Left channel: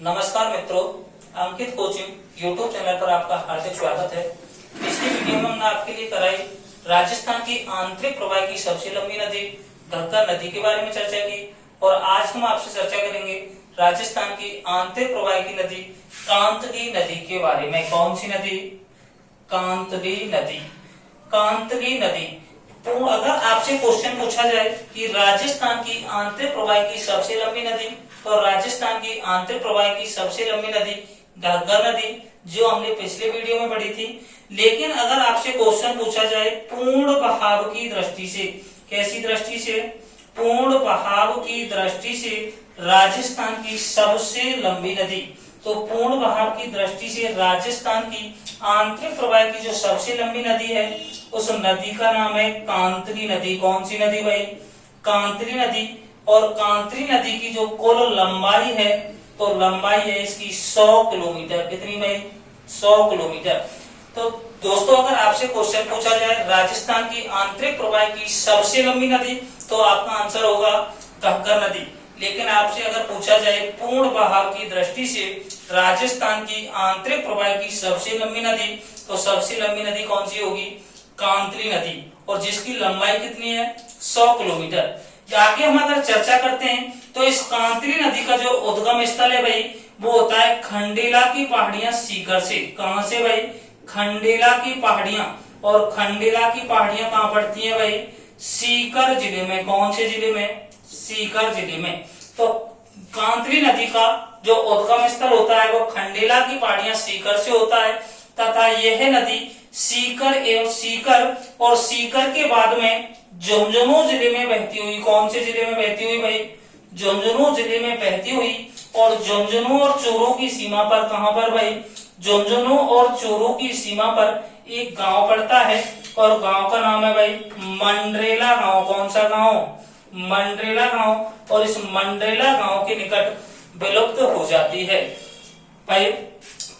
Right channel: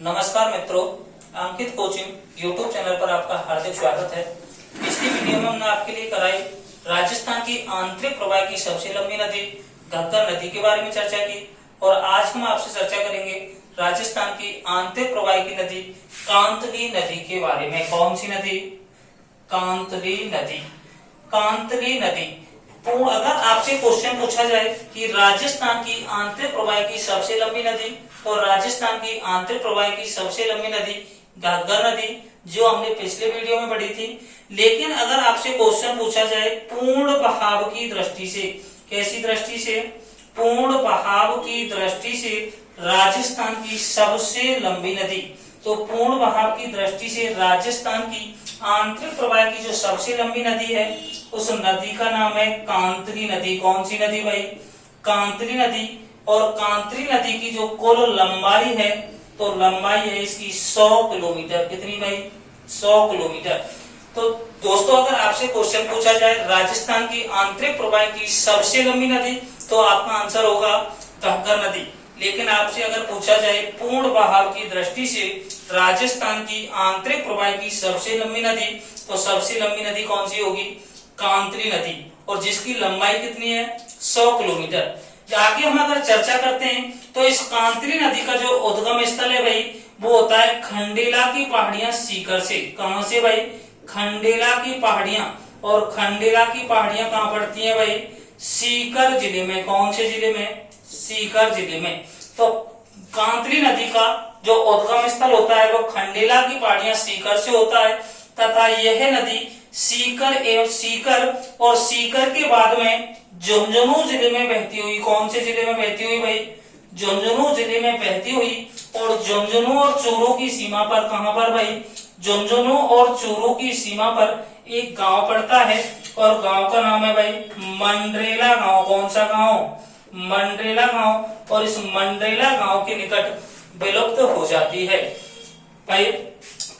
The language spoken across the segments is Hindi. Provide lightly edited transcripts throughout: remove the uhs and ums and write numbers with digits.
नमस्कार मित्रों, अंकित कोचिंग यूट्यूब चैनल पर आपका हार्दिक स्वागत है। पिछली वीडियो में हमने आपके लिए कराई राजस्थान की आंतरिक प्रवाह की सबसे लंबी नदी घग्गर नदी के बारे में चर्चा की और आज हम आपसे चर्चा करेंगे राजस्थान की आंतरिक प्रवाह की नदी कांतली नदी के बारे में। कौन सी नदी? कांतली नदी। कांतली नदी। तो अगर आपसे क्वेश्चन पूछा जाए कि राजस्थान की आंतरिक प्रवाह की सबसे लंबी नदी, तो राजस्थान की आंतरिक प्रवाह की सबसे लंबी नदी घग्गर नदी, जो हमने पिछले वीडियो में पढ़ी थी। लेकिन अगर आपसे क्वेश्चन पूछा जाए पूर्ण बहाव की दृष्टि से, कैसी दृष्टि से? पूर्ण बहाव की दृष्टि से राजस्थान की सबसे लंबी नदी, तो पूर्ण बहाव की दृष्टि से राजस्थान की आंतरिक प्रवाह की जो सबसे लंबी नदी है, उस नदी का नाम है कांतली नदी। कौन सी नदी भाई? कांतली नदी। और कांतली नदी की जो कुल लंबाई है, तो लंबाई है इसकी 100 किलोमीटर। कितनी भाई? 100 किलोमीटर। तो दोस्तों, अगर आपसे क्वेश्चन पूछा जाए राजस्थान की आंतरिक प्रवाह की सबसे लंबी नदी, तो आपका आंसर होगा घग्गर नदी। लेकिन आपसे अगर पूछा जाए पूर्ण बहाव की दृष्टि से राजस्थान की आंतरिक प्रवाह की सबसे लंबी नदी, तो सबसे लंबी नदी कौन सी होगी? कांतली नदी, और जिसकी लंबाई कितनी है? 100 किलोमीटर। आगे हम अगर चर्चा करते हैं तो इस कांतली नदी का जो उद्गम स्थल है भाई, वो होता है खंडेला की पहाड़ियां सीकर से। कहां से भाई? खंडेला की पहाड़ियां। और खंडेला की पहाड़ियां कहां पड़ती हैं भाई? सीकर जिले में। कौन से जिले में? सीकर जिले में। तो कांतली नदी का जो उद्गम स्थल होता है वो खंडेला की पहाड़ियां सीकर से होता है, तथा यह नदी सीकर और सीकर के बाद में झुंझुनू जिले में बहती हुई। कौन से जिले में बहती हुई भाई? झुंझुनू जिले में बहती हुई। और झुंझुनू और चूरू की सीमा पर, कहां पर भाई? झुंझुनू और चूरू की सीमा पर एक गांव पड़ता है, और गांव का नाम है भाई मंडरेला गांव। कौन सा गांव? मंडरेला गांव। और इस मंडरेला गांव के निकट विलुप्त हो जाती है भाई।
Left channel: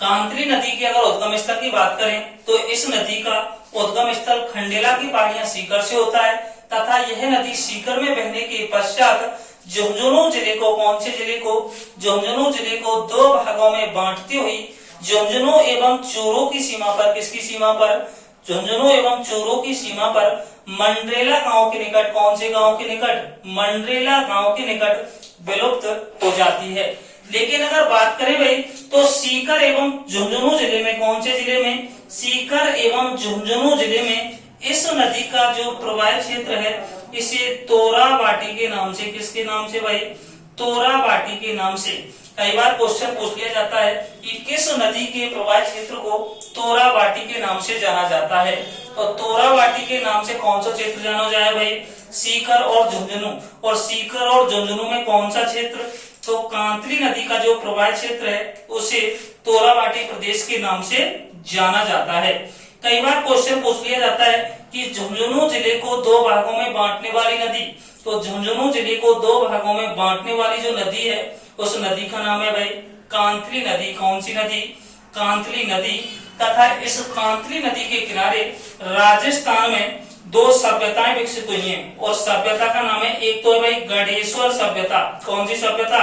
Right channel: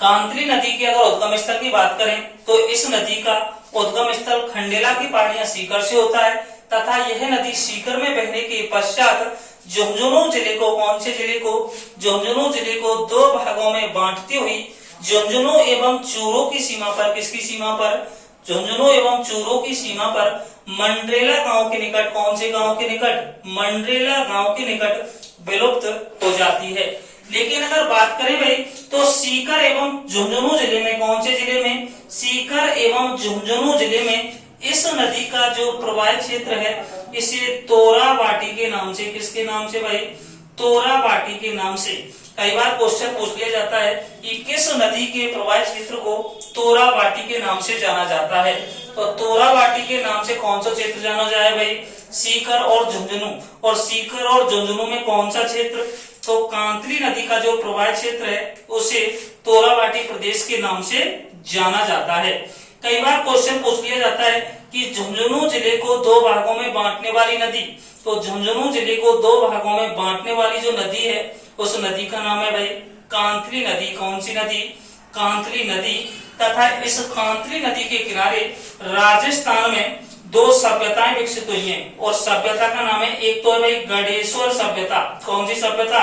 कांतली नदी के अगर उद्गम स्थल की बात करें तो इस नदी का उद्गम स्थल खंडेला की पहाड़ियां सीकर से होता है, तथा यह नदी सीकर में बहने के पश्चात झुंझुनू जिले को, कौन से जिले को? झुंझुनू जिले को दो भागों में बांटती हुई झुंझुनू एवं चूरू की सीमा पर, किसकी सीमा पर? झुंझुनू एवं चूरू की सीमा पर मंडरेला गांव के निकट, कौन से गांव के निकट? मंडरेला गांव के निकट विलुप्त हो जाती है। लेकिन अगर बात करें भाई तो सीकर एवं झुंझुनू जिले में, कौन से जिले में? सीकर एवं झुंझुनू जिले में इस नदी का जो प्रवाह क्षेत्र है, इसे तोराबाटी के नाम से, किसके नाम से भाई? तोराबाटी के नाम से। कई बार क्वेश्चन पूछ लिया जाता है कि किस नदी के प्रवाह क्षेत्र को तोराबाटी के नाम से जाना जाता है, तो तोराबाटी के नाम से कौन सा क्षेत्र जाना जाए भाई? सीकर और झुंझुनू। और सीकर और झुंझुनू में कौन सा क्षेत्र? तो कांतली नदी का जो प्रवाह क्षेत्र है उसे तोराबाटी प्रदेश के नाम से जाना जाता है। कई बार क्वेश्चन पूछ लिया जाता है कि झुंझुनू जिले को दो भागों में बांटने वाली नदी, तो झुंझुनू जिले को दो भागों में बांटने वाली जो नदी है, उस नदी का नाम है भाई कांतली नदी। कौन सी नदी? कांतली नदी। तथा इस कांतली नदी के किनारे राजस्थान में दो सभ्यताएं विकसित हुई हैं, और सभ्यता का नाम है, एक तो है भाई गढ़ेश्वर सभ्यता। कौन सी सभ्यता?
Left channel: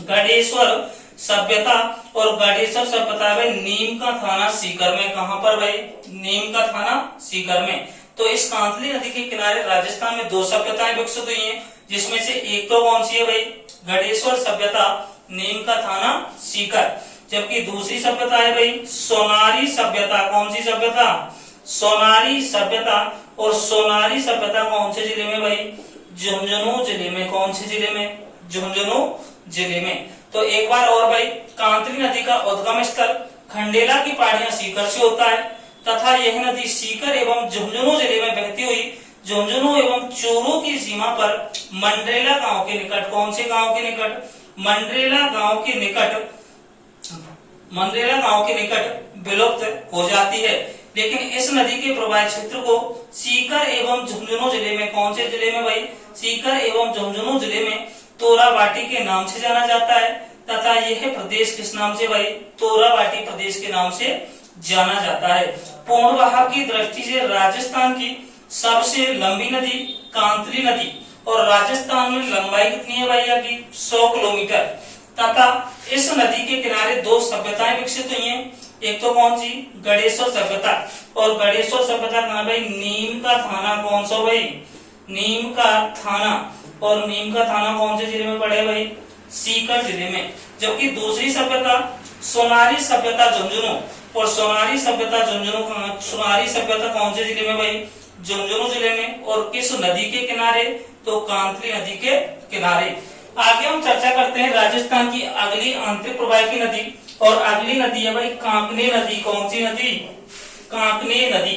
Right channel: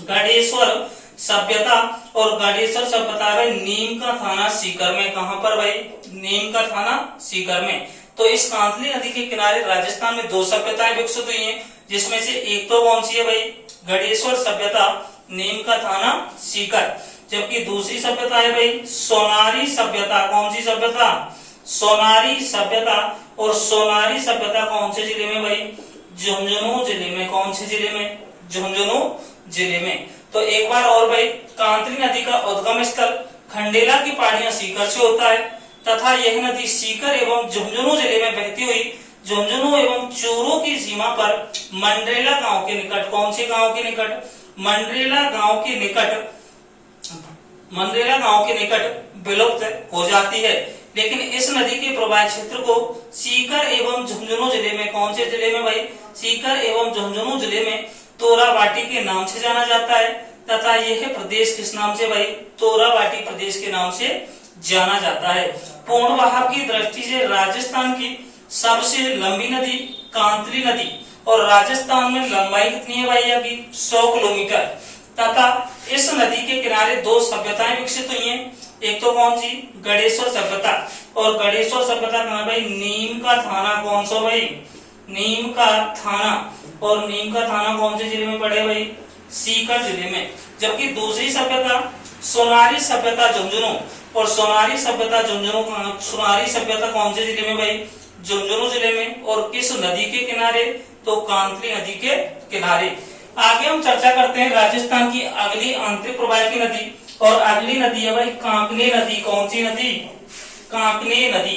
गढ़ेश्वर सभ्यता। और गढ़ेश्वर सभ्यता है नीम का थाना सीकर में। कहां पर भाई? नीम का थाना सीकर में। तो इस कांतली नदी के किनारे राजस्थान में दो सभ्यताएं विकसित हुई हैं, जिसमें से एक तो कौन सी है भाई? गढ़ेश्वर सभ्यता, नीम का थाना सीकर। जबकि दूसरी सभ्यता है भाई सोनारी सभ्यता। कौन सी सभ्यता? सोनारी सभ्यता। और सोनारी सभ्यता कौन से जिले में भाई? झुंझुनू जिले में। कौन से जिले में? झुंझुनू जिले में। तो एक बार और भाई, कांतली नदी का उद्गम स्थल खंडेला की पहाड़ियां सीकर से होता है, तथा यह नदी सीकर एवं झुंझुनू जिले में बहती हुई झुंझुनू एवं चूरू की सीमा पर मंडरेला गांव के निकट, कौन से गांव के निकट? मंडरेला गांव के निकट, मंडरेला गांव के निकट विलुप्त हो जाती है। लेकिन इस नदी के प्रवाह क्षेत्र को सीकर एवं झुंझुनू जिले में, कौन से जिले में भाई? सीकर एवं झुंझुनू जिले में तोराबाटी के नाम से जाना जाता है, तथा यह प्रदेश किस नाम से भाई? तोराबाटी प्रदेश के नाम से जाना जाता है। पूर्ण बहाव की दृष्टि से राजस्थान की सबसे लंबी नदी कांतली नदी, और राजस्थान में लंबाई कितनी है भाई? 100 किलोमीटर। तथा इस किस नदी के किनारे दो सभ्यताएं विकसित हुई हैं? एक तो कौन सी? गणेश्वर सभ्यता। और गणेश्वर सभ्यता कहाँ भाई? नीम का थाना। कौन सा भाई? नीम का थाना। और नीम का थाना कौन से जिले में पड़े भाई? सीकर जिले में। जबकि दूसरी सभ्यता सोनारी सभ्यता झुंझुनू। और सोनारी सभ्यता कौन से जिले में भाई? झुंझुनू जिले में। और किस नदी के किनारे? तो कांकरी नदी के किनारे। आगे हम चर्चा करते हैं राजस्थान की अगली आंतरिक प्रवाहिकी नदी। और अगली नदी है भाई कांकने नदी। कौन सी नदी? कांकने नदी।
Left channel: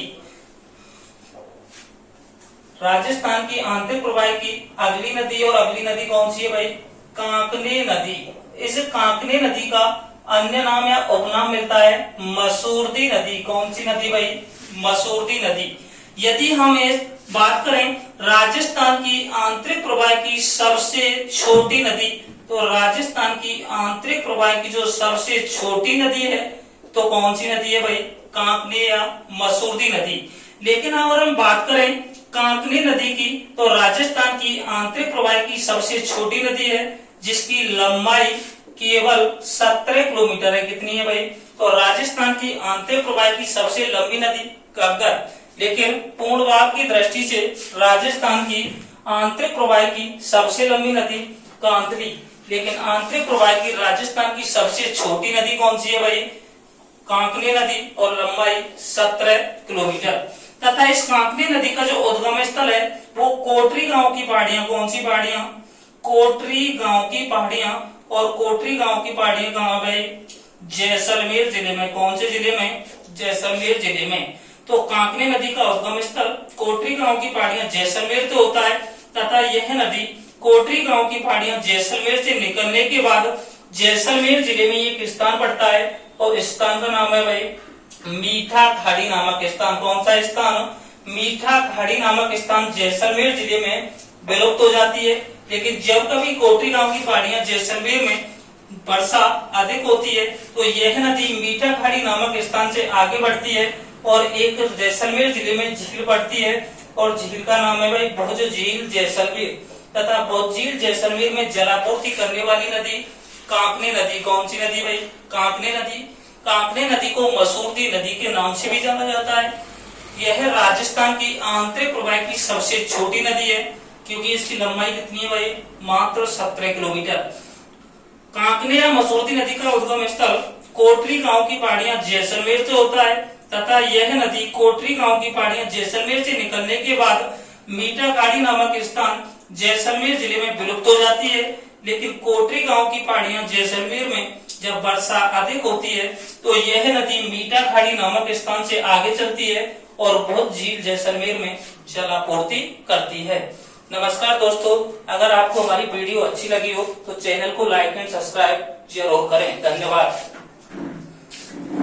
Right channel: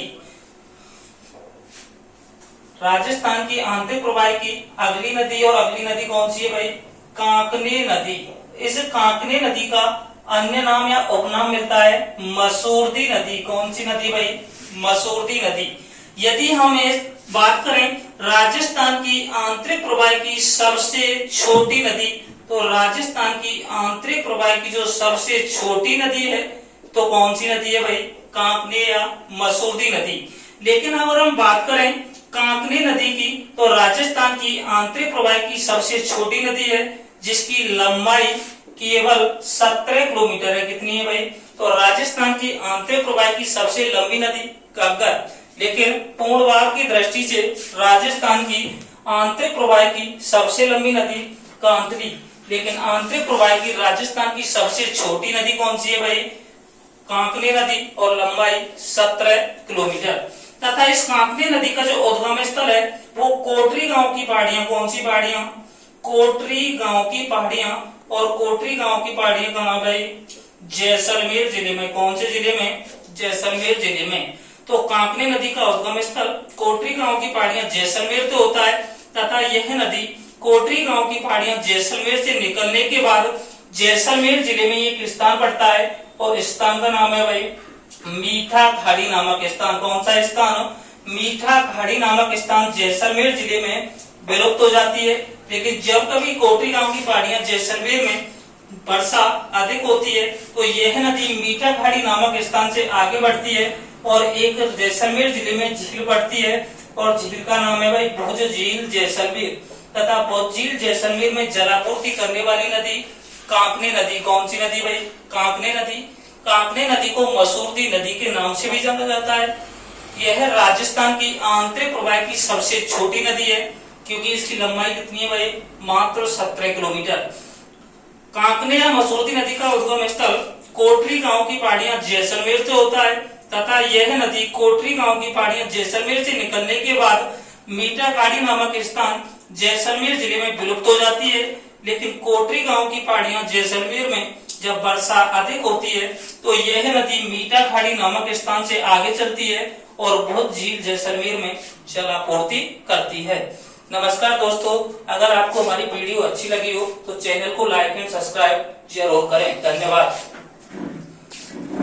राजस्थान की आंतरिक प्रवाहिकी अगली नदी। और अगली नदी कौन सी है भाई? कांकने नदी। इस कांकने नदी का अन्य नाम या उपनाम मिलता है मसूरदी नदी। कौन सी नदी भाई? मसूरदी नदी। यदि हम इस बात करें राजस्थान की आंतरिक प्रवाहिकी सबसे छोटी नदी, तो राजस्थान की आंतरिक प्रवाहिकी जो सबसे छोटी नदी है तो कौन सी नदी है भाई? कांकने या मसूरदी नदी। लेकिन अगर हम बात करें कांकने नदी की, तो राजस्थान की आंतरिक प्रवाहिकी सबसे छोटी नदी है जिसकी लंबाई केवल 17 किलोमीटर है। कितनी है भाई? तो राजस्थान की आंतरिक प्रवाहिकी सबसे लंबी नदी घग्गर। लेकिन पूर्ण भाग की दृष्टि से राजस्थान की आंतरिक प्रवाहिकी सबसे लंबी नदी कांकरी। लेकिन आंतरिक प्रवाहिकी राजस्थान की सबसे छोटी नदी कौन सी है भाई? कांकरी नदी। और लंबाई 17 किलोमीटर। तथा इस कांकरी नदी का जो उद्गम स्थल है वो कोटरी गांव की पहाड़ियां। कौन सी पहाड़ियां? कोटरी गांव की पहाड़ियां। और कोटरी गांव की पहाड़ियां कहाँ भाई? जैसलमेर जिले में। कौन से जिले में? जैसलमेर जिले में। तो कांकरे नदी का उद्गम स्थल कोटरी गांव की पहाड़ियां जैसलमेर से होता है। तथा यह नदी कोटरी गांव की पहाड़ियां जैसलमेर से निकलने के बाद जैसलमेर जिले में एक स्थान पड़ता है। और इस स्थान का नाम है भाई मीठा खाड़ी नामक स्थान। कौन सा स्थान? मीठा खाड़ी नामक स्थान जैसलमेर जिले में विलुप्त हो जाती है। लेकिन जब कभी कोटरी गांव की पहाड़ियां जैसलमेर में वर्षा अधिक होती है तो यह नदी मीठा खाड़ी नामक स्थान से आगे बढ़ती है और एक जैसलमेर जिले में झील पड़ती है। और झील का नाम है भाई भुज झील जैसलमेर। तथा भुज झील जैसलमेर में जलापूर्ति करने वाली नदी कांकने नदी। कौन सी नदी भाई? कांकने नदी। कांकने नदी को मसूरदी नदी के नाम से भी जाना जाता है। यह राजस्थान की आंतरिक प्रवाहिकी सबसे छोटी नदी है क्योंकि इसकी लंबाई कितनी है भाई? मात्र 17 किलोमीटर। कांकने या मसूरदी नदी का उद्गम स्थल कोटरी गांव की पहाड़ियां जैसलमेर से होता है। तथा यह नदी कोटरी गांव की पहाड़ियां जैसलमेर से निकलने के बाद मीठा खाड़ी नामक स्थान जैसलमेर जिले में विलुप्त हो जाती है। लेकिन कोटरी गांव की पहाड़ियां जैसलमेर में जब वर्षा अधिक होती है तो यह नदी मीठा खाड़ी नामक स्थान से आगे चलती है और भुज झील जैसलमेर में जलापूर्ति करती है। नमस्कार दोस्तों, अगर आपको हमारी वीडियो अच्छी लगी हो तो चैनल को लाइक एंड सब्सक्राइब जरूर करें। धन्यवाद।